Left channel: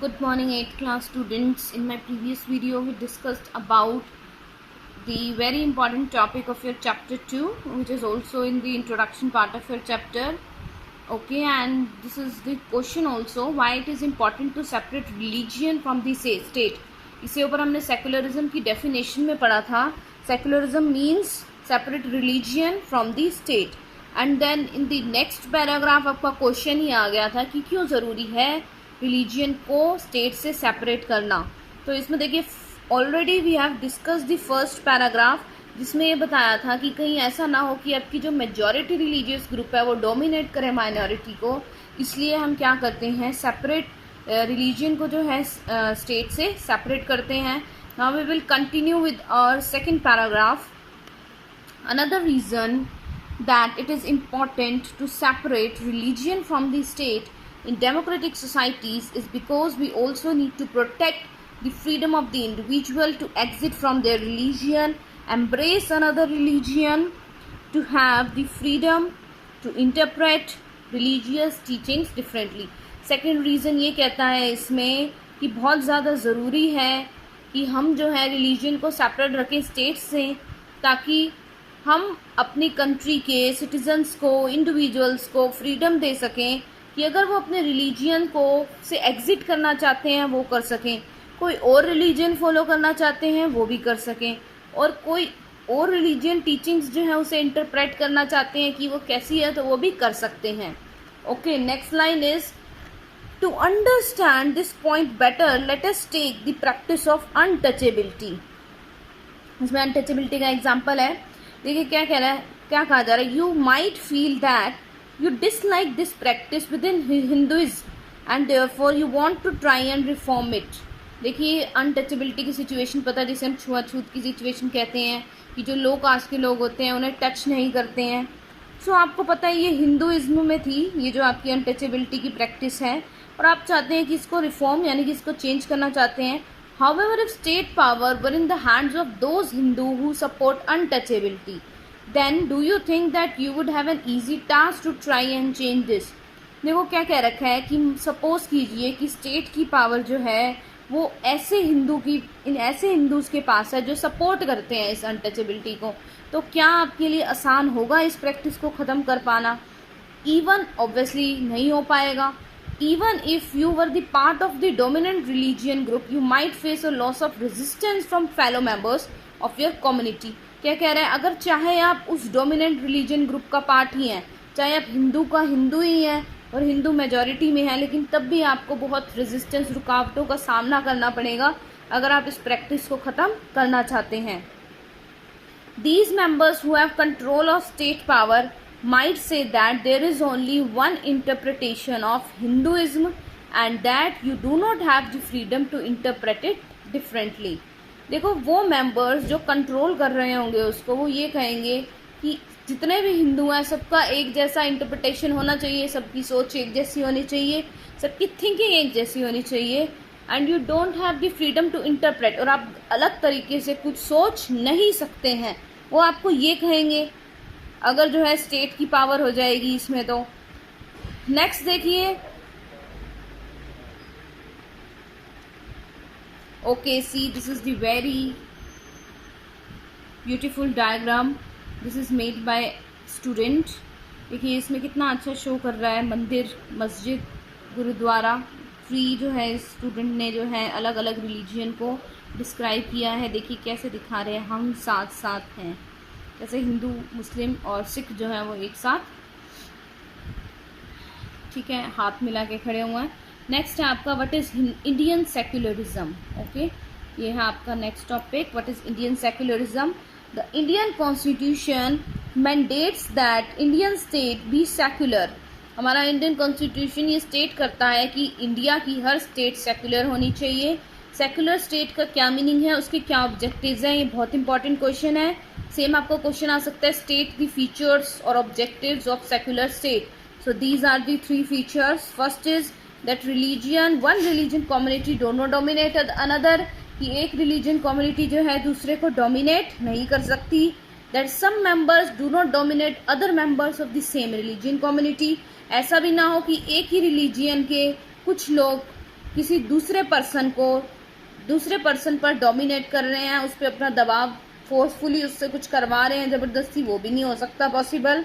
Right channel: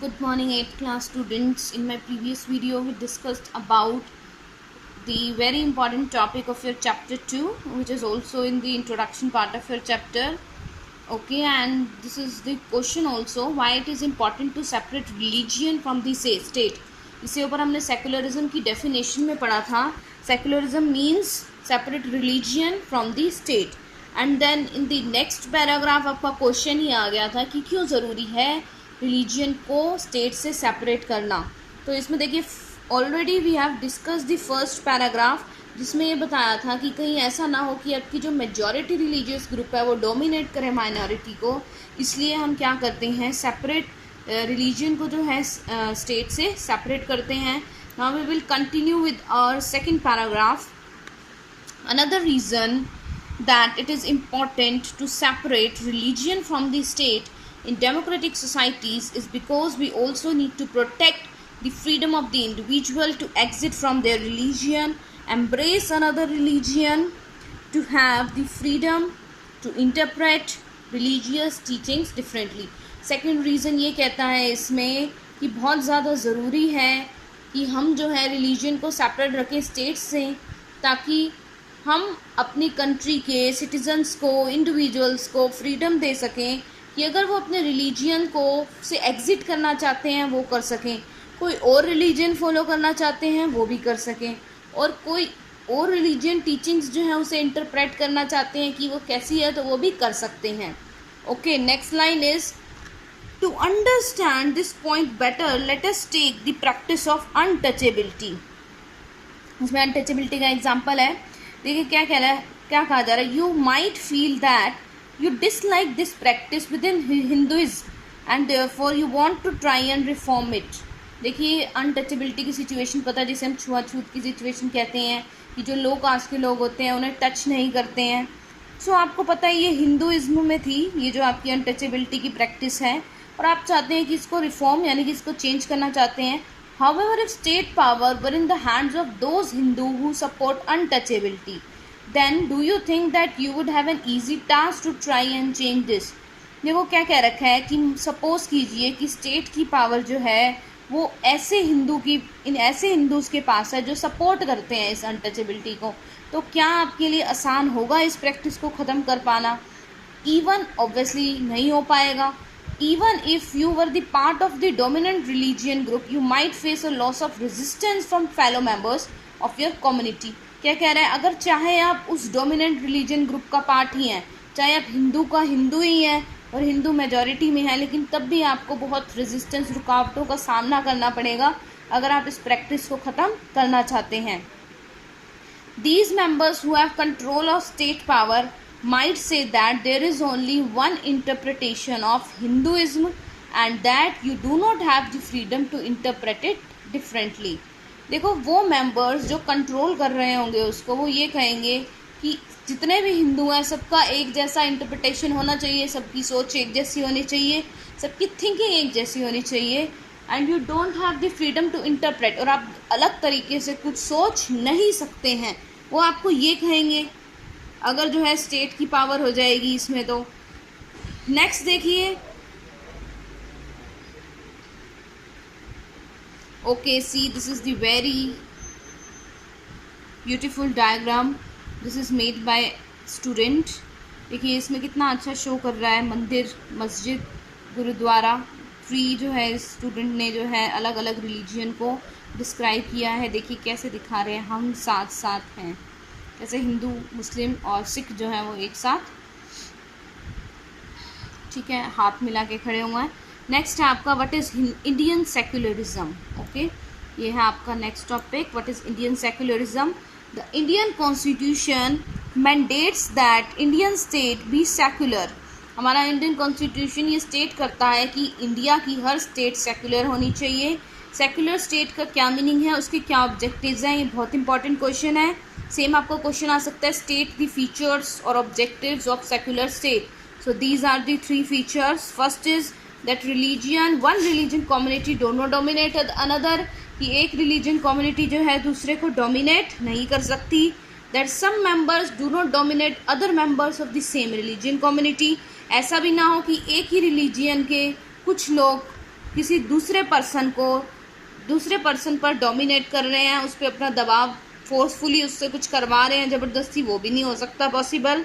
Good morning, 8th class students. In my previous video, we discussed about the very important topic of your chapter 2, which is also in the introduction part of your chapter. Okay, and this is the question also, why it is important to separate religion from the state. इसके ऊपर हमने secularism की definition में पढ़ा था. Secularism means separate religion from the state. And then in the next paragraph आपका question ही आ गया था कि क्यों ज़रूरी है रिलीजियन को स्टेट से सेपरेट करना. तो इसमें देखिए already we have discuss the first paragraph, जिसमें ये बताया था कि कहीं ऐसा ना हो कि आपकी जो मेजॉरिटी रिलीजियस ग्रुप है वो डोमिनेट करे माइनॉरिटी को. इसलिए हम क्या करते हैं, सेपरेट रिलीजन को जो है स्टेट से सेपरेट करते हैं. Now we will continue with our second paragraph. Another reason that it is important to separate religion from the state in democratic societies is because we also need to protect the freedom of the individual to exit from their religion, embrace another religion, to have the freedom to interpret religious teachings differently. Second reason ये कहता है इसमें कि बहुत ज़्यादा ज़रूरी है कि हम जो है रिलीजन को सेपरेट रखें स्टेट से, ताकि हम अपनी कंट्री के सिटीजन्स को, इंडिविजुअल्स को फ्रीडम दे सकें कि अगर वो अपने रिलीजियन को से एग्ज़िट करना चाहते हैं वो कर सकें, कोई और रिलीजन फॉलो करना चाहते हैं वो भी कर सकें, और कोई और रिलीजियन टीचिंग्स जो है उसे इंटरप्रेट करना चाहते हैं कि वो कैसी है तो वो भी कर सकते हैं. Okay, next line is to understand this point better let us take the practice of untouchability. इसमें अनटचेबिलिटी का एग्जाम्पल है. देखिए क्या कह रहा है, क्या कहा जा रहा है, you might feel that you dislike this practice within Hinduism and therefore you want to try and reform it. देखिए अनटचेबिलिटी की सिचुएशन पता है, जिसे हम छुआछूत की सिचुएशन कहते हैं कि जो लो कास्ट के लोग होते हैं उन्हें टच नहीं करते हैं. सो आपको पता है ये हिंदुइज्म में थी, ये जो आपकी अनटचेबिलिटी की प्रैक्टिस है, और आप चाहते हैं कि इसको रिफॉर्म यानी कि इसको चेंज करना चाहते हैं. However, if state power were in the hands of those Hindu who support untouchability, then do you think that you would have an easy task to try and change this? देखो क्या कह रखा है कि suppose कीजिए कि state की power जो है वो ऐसे हिंदूज के पास है जो सपोर्ट करते हैं इस अनटचेबिलिटी को, तो क्या आपके लिए आसान होगा इस प्रैक्टिस को ख़त्म कर पाना? इवन ऑब्वियसली नहीं हो पाएगा. Even if you were the part of the dominant religion group, you might face a loss of resistance from fellow members of your community. क्या कह रहे हैं, अगर चाहे आप उस डोमिनेंट रिलीजन ग्रुप का पार्ट ही हैं, चाहे आप हिंदू का हिंदू ही हैं और हिंदू मेजॉरिटी में हैं, लेकिन तब भी आपको बहुत रेजिस्टेंस, रुकावटों का सामना करना पड़ेगा अगर आप इस प्रैक्टिस को ख़त्म करना चाहते हैं. These members who have control of state power might say that there is only one interpretation of Hinduism and that you do not have the freedom to interpret it differently. देखो वो members जो control कर रहे होंगे उसको, वो ये कहेंगे कि जितने भी हिंदू हैं सबका एक जैसा इंटरप्रिटेशन होना चाहिए, सबकी सोच एक जैसी होनी चाहिए, सबकी थिंकिंग एक जैसी होनी चाहिए, and you don't have the freedom to interpret, और आप अलग तरीके से कुछ सोच नहीं सकते हैं, वो आपको ये कहेंगे अगर जो है स्टेट की पावर हो जाएगी इसमें. तो नेक्स्ट देखिए, okay, see, this is the very beautiful diagram. This is made by student. देखिए इसमें कितना अच्छा शो कर रहा है मंदिर, मस्जिद, गुरुद्वारा. ट्री जो है स्टूडेंट ने जो है अलग अलग रिलीजियन को डिस्क्राइब किया है. देखिए कैसे दिखा रहे हैं, हम साथ साथ हैं, जैसे हिंदू, मुस्लिम और सिख जो है वो एक साथ, ठीक है, हाथ मिला के खड़े हुए हैं. नेक्स्ट है आपका what is Indian secularism. Okay, ये है आपका next topic, what is Indian secularism. The Indian constitution mandates that Indian state be secular. हमारा इंडियन कॉन्स्टिट्यूशन ये स्टेट करता है कि इंडिया की हर स्टेट सेक्युलर होनी चाहिए. सेक्युलर स्टेट का क्या मीनिंग है, उसके क्या ऑब्जेक्टिव्स हैं, ये बहुत इंपॉर्टेंट क्वेश्चन है. सेम आपको क्वेश्चन आ सकता है, स्टेट द फीचर्स और objectives of secular state. So these are the 3 features. First is that one religion community do not dominate another, कि एक religion community जो है दूसरे को dominate नहीं कर सकती. that some members do not dominate other members of the same religion community. ऐसा भी ना हो कि एक ही religion के कुछ लोग किसी दूसरे पर्सन पर डोमिनेट कर रहे हैं, उस पर अपना दबाव फोर्सफुली उससे कुछ करवा रहे हैं जबरदस्ती, वो भी नहीं हो सकता possible.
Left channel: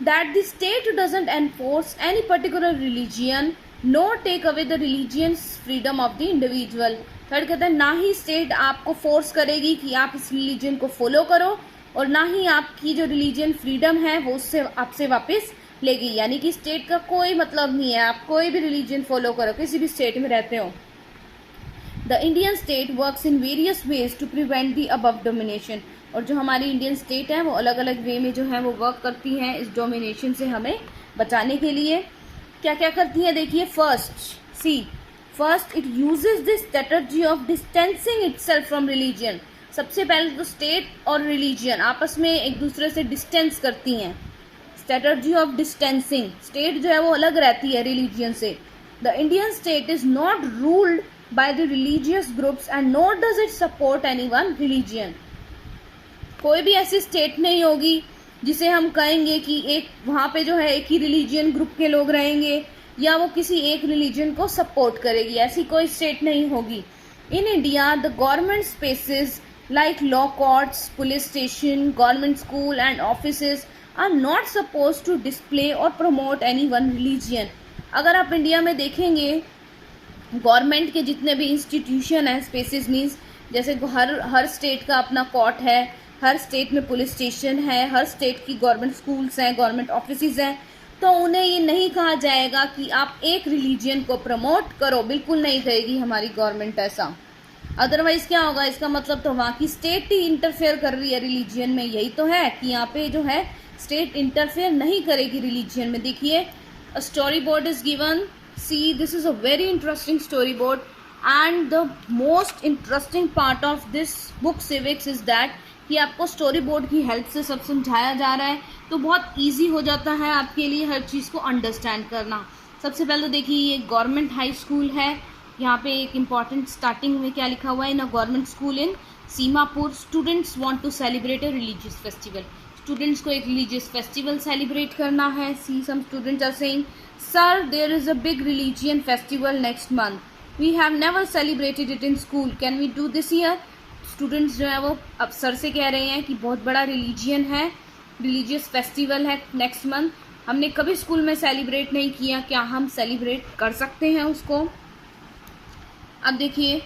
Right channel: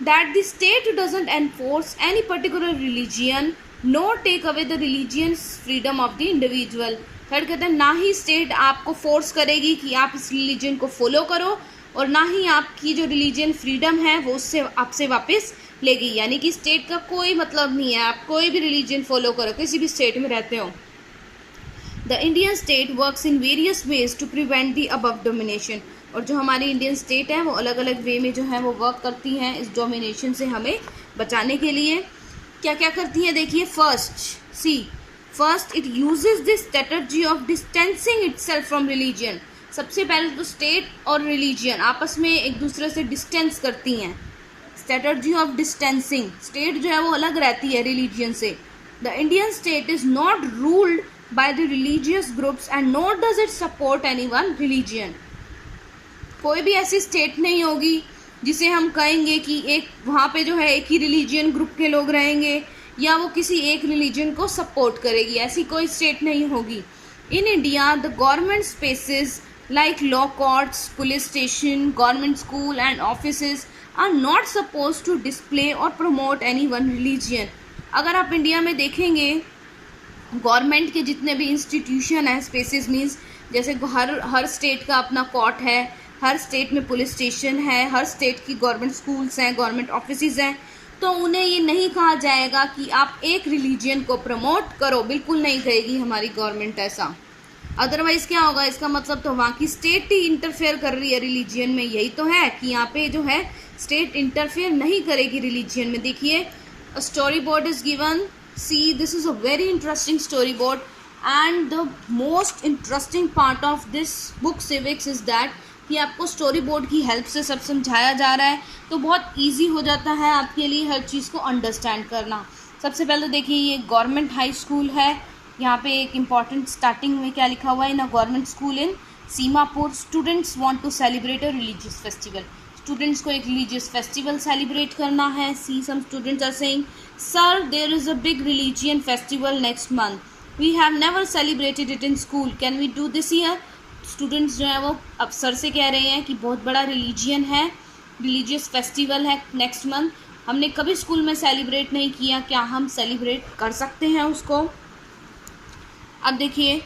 That the state doesn't enforce any particular religion nor take away the religion's freedom of the individual. Third कहता है ना ही स्टेट आपको फोर्स करेगी कि आप इस रिलीजन को फॉलो करो और ना ही आपकी जो रिलीजन फ्रीडम है वो उससे आपसे वापस लेगी. यानी कि स्टेट का कोई मतलब नहीं है, आप कोई भी रिलीजन फॉलो करो, किसी भी स्टेट में रहते हो. The Indian state works in various ways to prevent the above domination. और जो हमारी इंडियन स्टेट है वो अलग अलग वे में जो है वो वर्क करती हैं इस डोमिनेशन से हमें बचाने के लिए. क्या क्या करती हैं देखिए. First it uses the strategy of distancing itself from religion. सबसे पहले तो स्टेट और रिलीजन आपस में एक दूसरे से डिस्टेंस करती हैं. स्ट्रेटजी ऑफ डिस्टेंसिंग, स्टेट जो है वो अलग रहती है रिलीजन से. The Indian state is not ruled by the religious groups and not does it support any one religion. कोई भी ऐसी स्टेट नहीं होगी जिसे हम कहेंगे कि एक वहाँ पे जो है एक ही रिलीजियन ग्रुप के लोग रहेंगे या वो किसी एक रिलीजन को सपोर्ट करेगी, ऐसी कोई स्टेट नहीं होगी. In India the government spaces like law courts, police station, government school and offices are not suppose to display और प्रमोट एनी वन रिलीजियन. अगर आप इंडिया में देखेंगे गवर्नमेंट के जितने भी इंस्टीट्यूशन हैं, स्पेसेस मीन्स जैसे हर स्टेट का अपना कोर्ट है, हर स्टेट में पुलिस स्टेशन है, हर स्टेट की गवर्नमेंट स्कूल्स हैं, गवर्नमेंट ऑफिसेज हैं, तो उन्हें ये नहीं कहा जाएगा कि आप एक रिलीजन को प्रमोट करो, बिल्कुल नहीं कहेगी हमारी गवर्नमेंट ऐसा. अदरवाइज क्या होगा, इसका मतलब तो वहाँ की स्टेट ही इंटरफेयर कर रही है रिलीजन में. यही तो है कि यहाँ पे जो है स्टेट इंटरफेयर नहीं करेगी रिलीजन में. देखिए story board is given. See this is a very interesting story board and the most interesting part of this book civics is that कि आपको स्टोरी बोर्ड की हेल्प से सब समझाया जा रहा है, तो बहुत इजी हो जाता है आपके लिए हर चीज़ को अंडरस्टैंड करना. सबसे पहले तो देखिए ये गवर्नमेंट हाई स्कूल है. यहाँ पे एक इम्पॉर्टेंट स्टार्टिंग में क्या लिखा हुआ है, in a government school in Seemapur students want to celebrate a religious festival. Students को एक रिलीजियस फेस्टिवल सेलिब्रेट करना है. See some students are saying sir there is a big religion festival next month, we have never celebrated it in school, can we do this year. Students जो है वो अब sir से कह रहे हैं कि बहुत बड़ा रिलीजियन है, रिलीजियस फेस्टिवल है नेक्स्ट मंथ, हमने कभी स्कूल में सेलिब्रेट नहीं किया, क्या हम सेलिब्रेट कर सकते हैं उसको. अब देखिए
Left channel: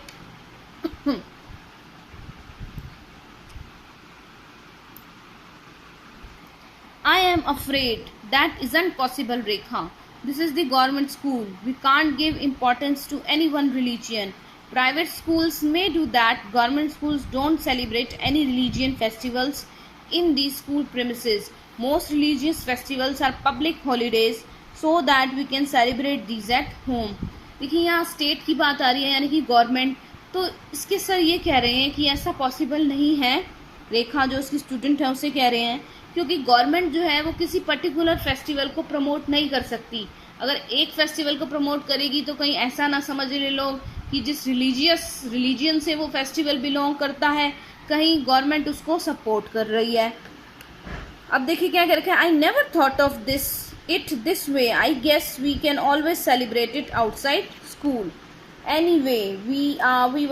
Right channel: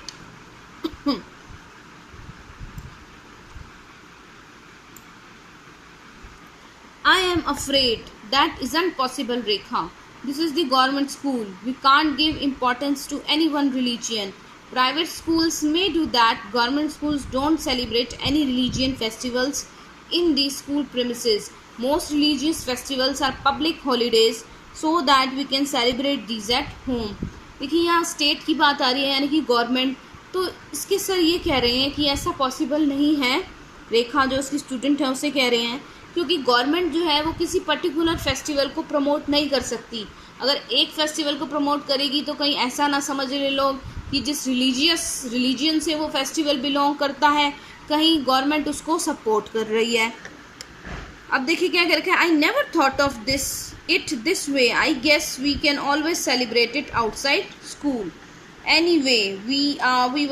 I am afraid that isn't possible, Rekha. This is the government school. We can't give importance to any one religion. Private schools may do that. Government schools don't celebrate any religion festivals in the school premises. Most religious festivals are public holidays so that we can celebrate these at home. देखिए यहाँ state की बात आ रही है यानी कि government, तो इसके सर ये कह रहे हैं कि ऐसा पॉसिबल नहीं है. रेखा जो उसकी स्टूडेंट है उसे कह रहे हैं क्योंकि गवर्नमेंट जो है वो किसी पर्टिकुलर फेस्टिवल को प्रमोट नहीं कर सकती. अगर एक फेस्टिवल को प्रमोट करेगी तो कहीं ऐसा ना समझ ले लोग कि जिस रिलीजियन से वो फेस्टिवल बिलोंग करता है कहीं गवर्नमेंट उसको सपोर्ट कर रही है. अब देखिए क्या कर रखा है, I never thought of it this way, I guess we can always celebrate it outside school. Anyway, we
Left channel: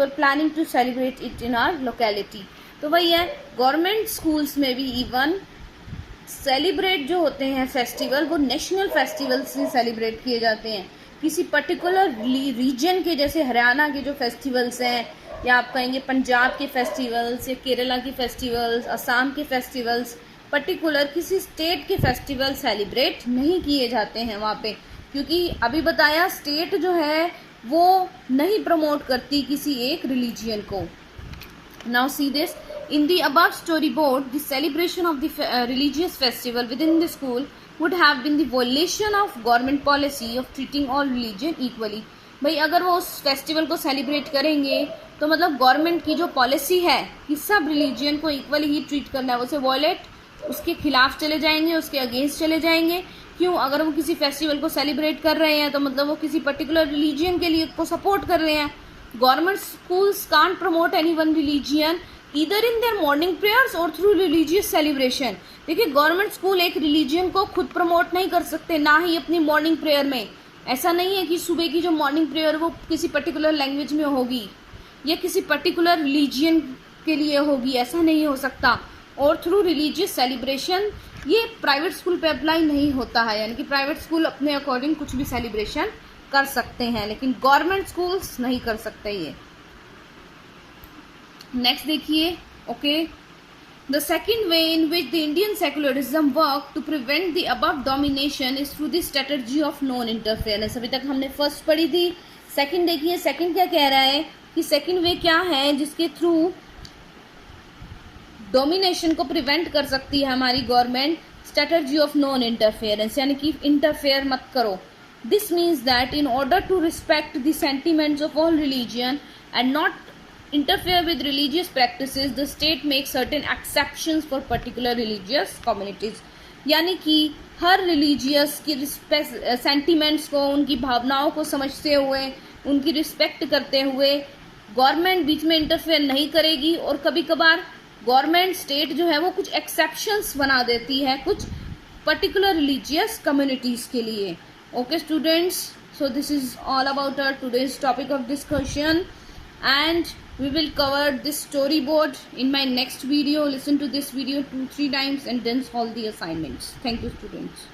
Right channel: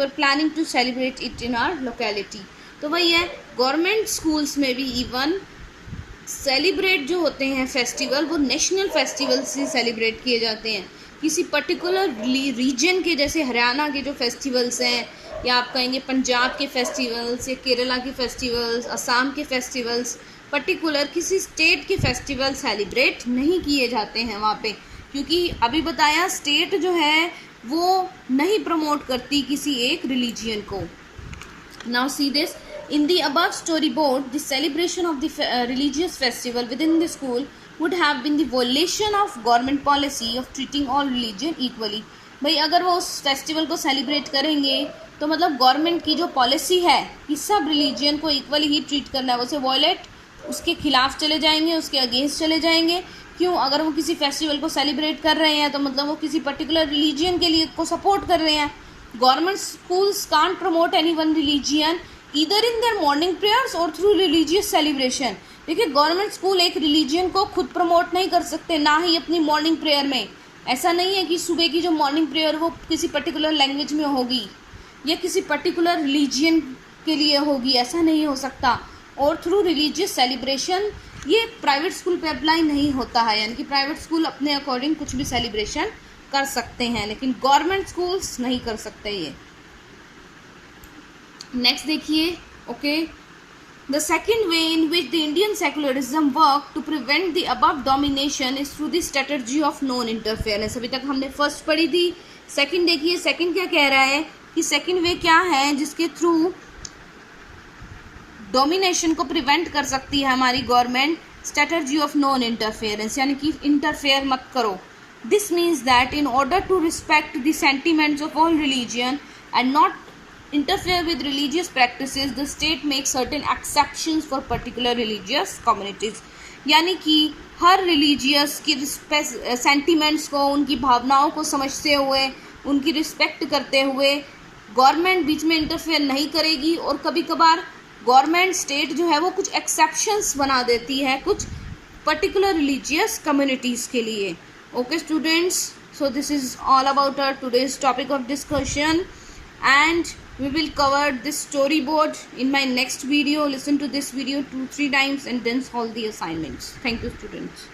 were planning to celebrate it in our locality. तो वही है, गवर्नमेंट स्कूल्स में भी इवन सेलिब्रेट जो होते हैं फेस्टिवल वो national festival से सेलिब्रेट किए जाते हैं. किसी पर्टिकुलर रीजन के जैसे हरियाणा के जो फेस्टिवल्स हैं या आप कहेंगे पंजाब के फेस्टिवल्स या केरला के फेस्टिवल्स, असम के फेस्टिवल्स, पर्टिकुलर किसी स्टेट के फेस्टिवल सेलिब्रेट नहीं किए जाते हैं वहाँ पे, क्योंकि अभी बताया स्टेट जो है वो नहीं प्रमोट करती किसी एक रिलीजियन को. Now see this, in the above storyboard, the celebration of the religious festival within the school would have been the violation of government policy of treating all religion equally. भाई अगर वो उस festival को celebrate करेंगे तो मतलब government की जो पॉलिसी है कि सब रिलीजियन को इक्वली ही ट्रीट करना है, उसे वॉयलेट, उसके खिलाफ चले जाएंगे, उसके अगेंस्ट चले जाएंगे. क्यों? अगर वो किसी फेस्टिवल को सेलिब्रेट कर रहे हैं तो मतलब वो किसी पर्टिकुलर रिलीजियन के लिए को सपोर्ट कर रहे हैं. Government schools can't promote any one religion either in their morning prayers और थ्रू रिलीजियस सेलिब्रेशन. देखिए गवर्नमेंट स्कूल एक रिलीजियन को खुद प्रमोट नहीं कर सकते, ना ही अपनी मॉर्निंग प्रेयर में. ऐसा नहीं है कि सुबह की जो मॉर्निंग प्रेयर वो किसी पर्टिकुलर लैंग्वेज में होगी या किसी पर्टिकुलर रिलीजियन के लिए होगी, ऐसा नहीं हो सकता। और थ्रू रिलीजियस सेलिब्रेशन, ये प्राइवेट स्कूल पे अप्लाई नहीं होता है, यानी कि प्राइवेट स्कूल अपने अकॉर्डिंग कुछ भी सेलिब्रेशन कर सकते हैं, लेकिन गवर्नमेंट स्कूल्स नहीं कर सकते ये। नेक्स्ट देखिए, okay, the second way in which the Indian secularism work to prevent the above domination is through the strategy of non interference. अभी तक हमने फर्स्ट पढ़ी थी, सेकंड देखिए, सेकंड क्या कह रहा है कि सेकंड वे क्या है जिसके थ्रू डोमिनेशन को प्रिवेंट कर सकती है हमारी government, strategy of non interference, यानी कि इंटरफेयर मत करो। This means that in order to respect the sentiments of all religion and not interfere with religious practices, the state makes certain exceptions for particular religious communities। यानी कि हर religious की sentiments को, उनकी भावनाओं को समझते हुए, उनकी रिस्पेक्ट करते हुए गवर्नमेंट बीच में इंटरफेयर नहीं करेगी, और कभी कभार गवर्नमेंट स्टेट जो है वो कुछ एक्सेप्शंस बना देती है कुछ पर्टिकुलर रिलीजियस कम्युनिटीज़ के लिए। Okay students, so this is all about our today's topic of discussion, and we will cover this storyboard in my next video. Listen to this video 2-3 times and then solve the assignments. Thank you students.